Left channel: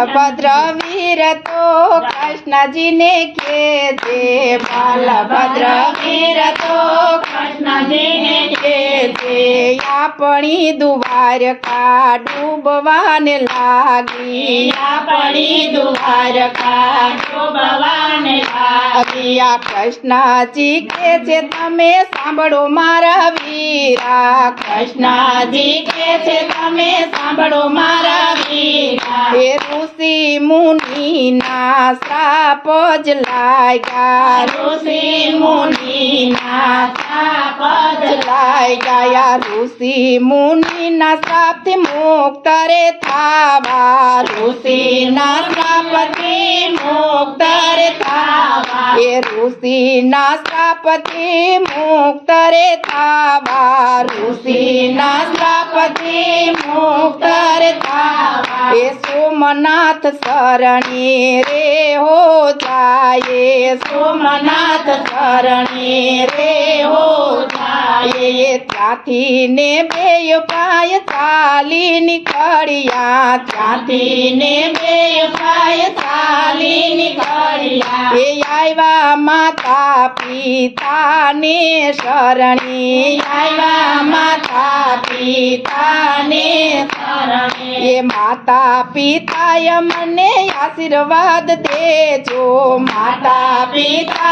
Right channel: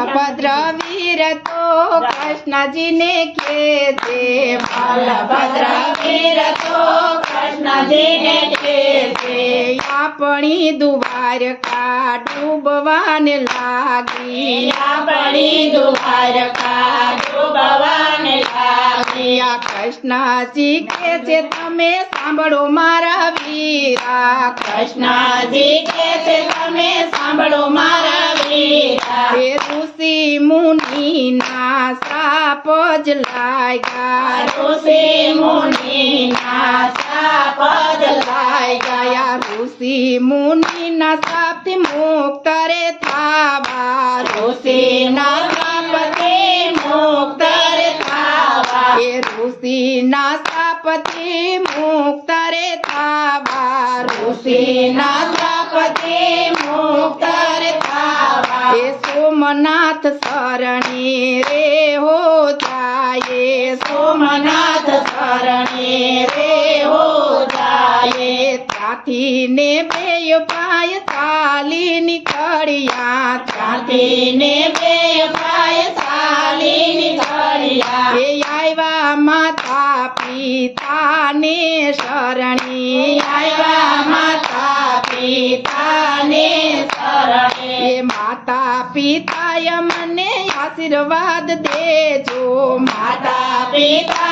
बलभद्र वीर तो कृष्ण जी ने के थे बलभद्र वीर तो कृष्ण जी ने के थे अपनी द्वारका डूबवाने लागी अपनी द्वारका डूबवाने लागी आ कृष्ण जी के छे तमे सांभळो मारा वीरा कृष्ण जी के छे तमे सांभळो मारा वीरा हे ऋषि मुनि ना श्राप ज लाग्या ऋषि मुनि ना श्राप ज लाग्या ऋषि मुनि ना श्राप थी मुक्त रे थावा ऋषि ना श्राप थी मुक्त रे थावा हे ऋषि ना श्राप थी मुक्त रे थावा ऋषि ना श्राप थी मुक्त रे थावा हे सोमनाथ शरणी रे हो जाए सोमनाथ शरणी रे हो जाए त्याथी ने बेय पाय चाली निकळिया त्याथी ने बेय पाय चाली निकळिया हे आव्या माता पिता ने शरणी आव्या माता पिता ने शरणी हे माता पिता मने आशीर्वाद देजो माता पिता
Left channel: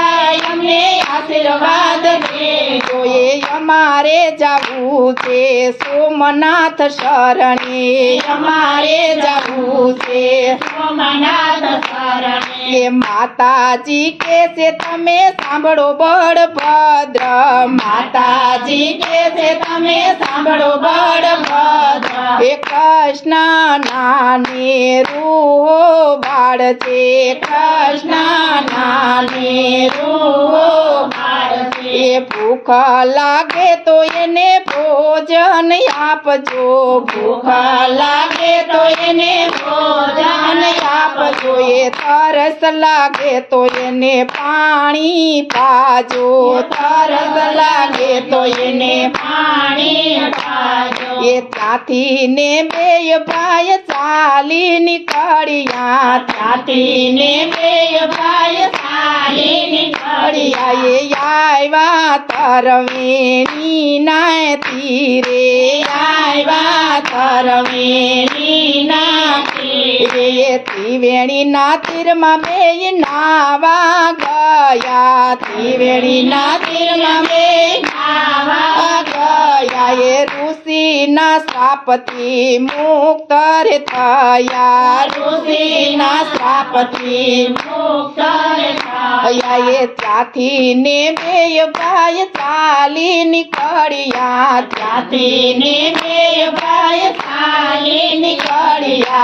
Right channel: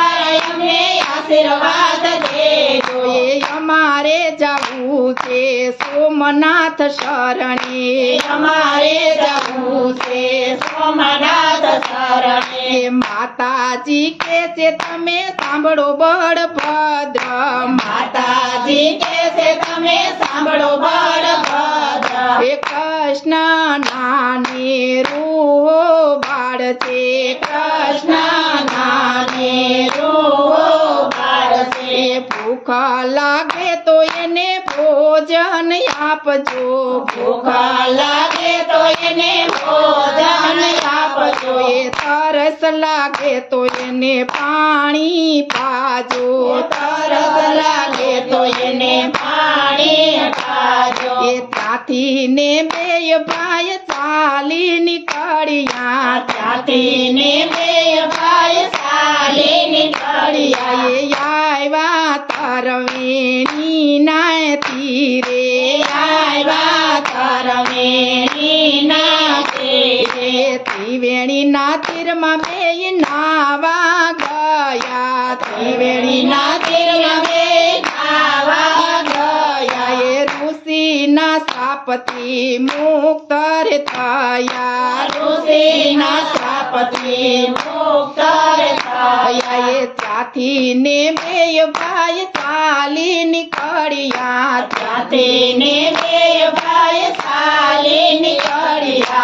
अમને आशीर्वाद देजो ये हमारे जावू छे सोमनाथ शरणे हमारे जावू छे सोमनाथ शरणे ये माताजी के से तमे सांभळो बळभद्र माताजी के से तमे सांभळो बळभद्र हे कृष्ण नाने रूहो बाळ छे कृष्ण नाने रूहो बाळ छे भूख लागे तो एने भोजन आपजो भूख लागे तो एने भोजन आपजो ये तरस लागे तो एने पाणी पाजो तरस लागे तो एने पाणी पाजो ये त्याथी ने बेय भाई चाली निकळिया त्याथी ने बेय भाई चाली निकळिया ये आव्या तरवेणी नाय तीरे आव्या तरवेणी नाय तीरे त्रिवेणी ना तीर मा बेय नावा गया त्रिवेणी ना तीर मा बेय नावा गया ये ऋषि ना श्रापथी मुक्त रे थया ऋषि ना श्रापथी मुक्त रे थया ये त्याथी ने बेय भाई चाली निकळिया त्याथी ने बेय भाई चाली निकळिया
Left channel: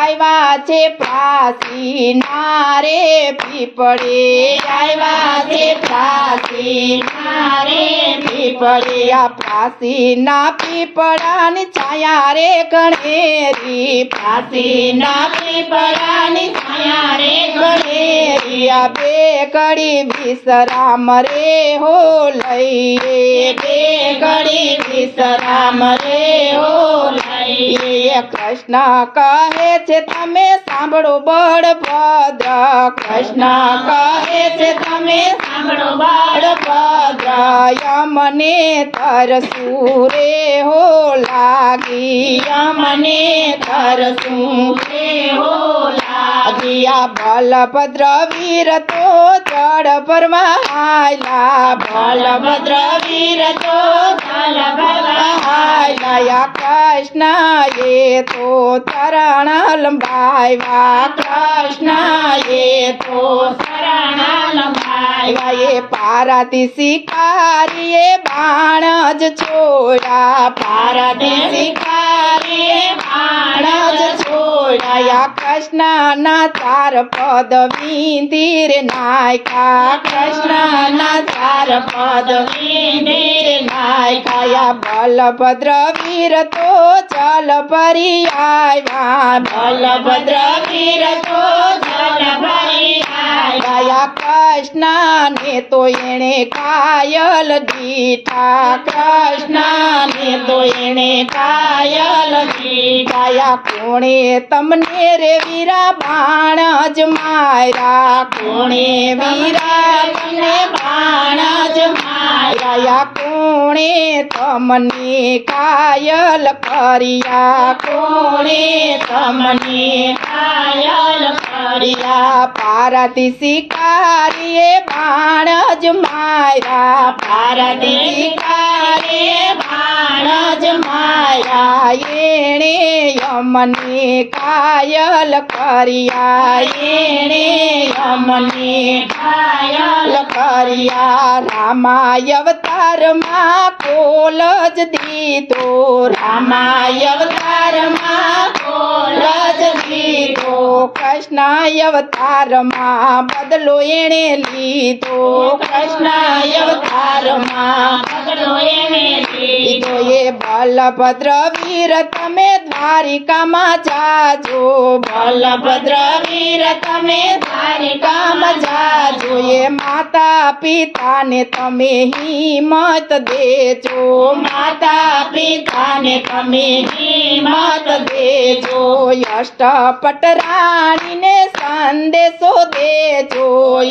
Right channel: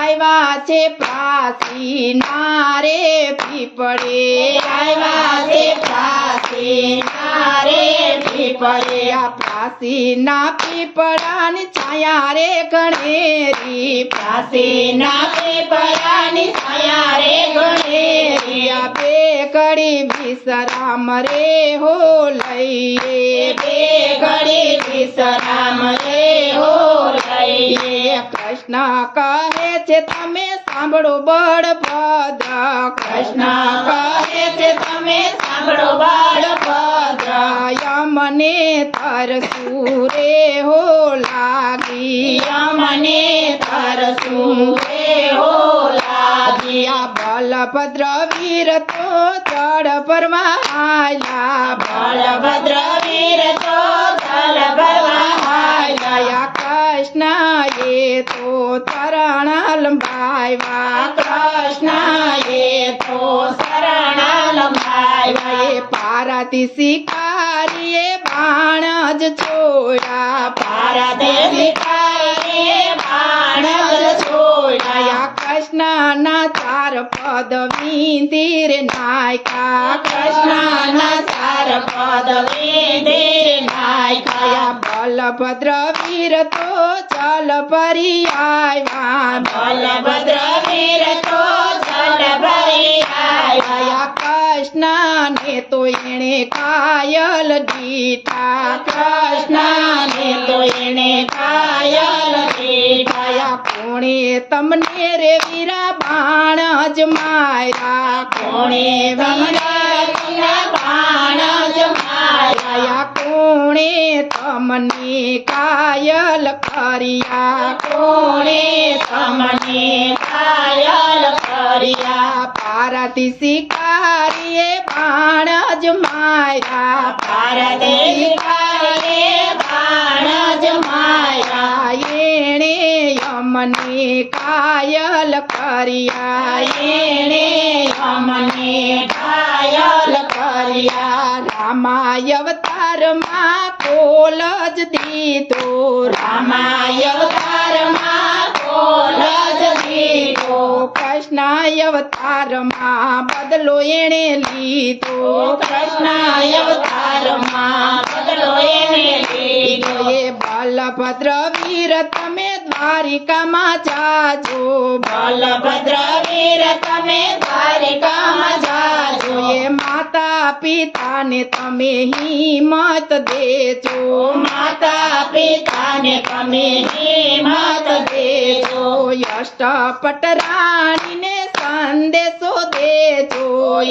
आव्या छे प्रासी नारे पीपळे आव्या छे प्रासी नारे पीपळे आ प्रासी ना पीपळानी छाया रे गणेरी प्रासी ना पीपळानी छाया रे गणेरी आ बेगड़ी विश्राम रे हो लईए बेगड़ी विश्राम रे हो लईए कृष्ण कहे छे तमे सांभळो बळभद्र कृष्ण कहे छे तमे सांभळो बळभद्र यमने तरसू रे हो लागी यमने तरसू रे हो लागी आ बलभद्र वीर तो जड़ भरवा आया बलभद्र वीर तो जड़ भरवा आया कृष्ण ये तो चरण लंबाया कृष्ण ये तो चरण लंबाया ये पाराती शिकारिये बाणज छोड़ा पाराती शिकारिये बाणज छोड़ा या कृष्ण ना चार पद विंदीर नायका कृष्ण ना चार पद विंदीर नायका या बलभद्र वीर तो चल परी आया बलभद्र वीर तो चल परी आया कृष्ण ने तो एणे कायल दीठा कृष्ण ने तो एणे कायल दीठा ડાયા કોણે તમને રે વીરા બાણ જ માર્યા કોણે વીરા તમને બાણ જ માર્યા કોણે તમને કાયલ કર્યા કોણે તમને કાયલ કર્યા પારતી શિકારીએ બાણ જ માર્યા પારતી શિકારીએ બાણ જ માર્યા એણે યમને કાયલ કર્યા એણે યમને કાયલ કર્યા રામાય અવતારમાં કોલ જ દીધો રામાય અવતારમાં કોલ જ દીધો કૃષ્ણાય અવતારમાં બદલો એણે લીધો કૃષ્ણાય અવતારમાં બદલો એણે લીધો એ બલભદ્ર વીર તમે દ્વારિકામાં જાજો બલભદ્ર વીર તમે દ્વારિકામાં જાજો એ માતા પિતાને તમે હિંમત દેજો માતા પિતાને તમે હિંમત દેજો અષ્ટપટ રાણીને સંદેશો દેજો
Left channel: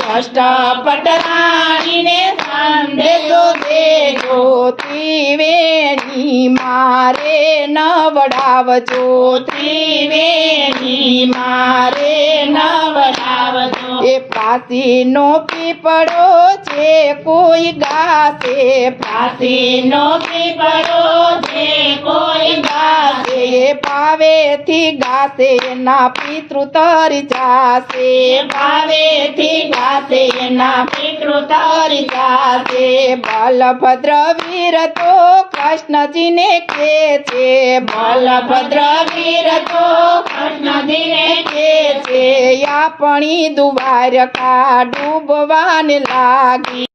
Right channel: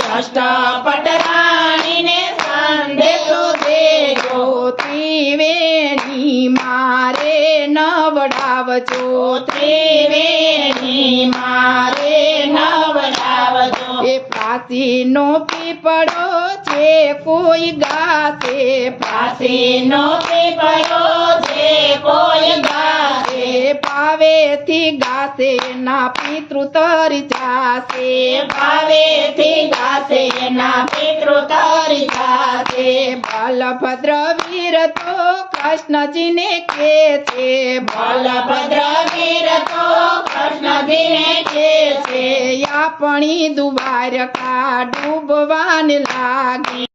અષ્ટપટ રાણીને સંદેશો દેજો ત્રિવેણી મારે નવડાવજો ત્રિવેણી મારે નવડાવજો એ પાસીનો પીપળો છે કોઈ ગાશે પાસીનો પીપળો છે કોઈ ગાશે પાવેથી ગાશે એના પિતૃ તરી જાશે પાવેથી ગાશે એના પિતૃ તરી જાશે બલભદ્ર વીર તો કૃષ્ણજીને કે છે બલભદ્ર વીર તો કૃષ્ણજીને કે છે આપણી દ્વારકા ડૂબવાને લાગી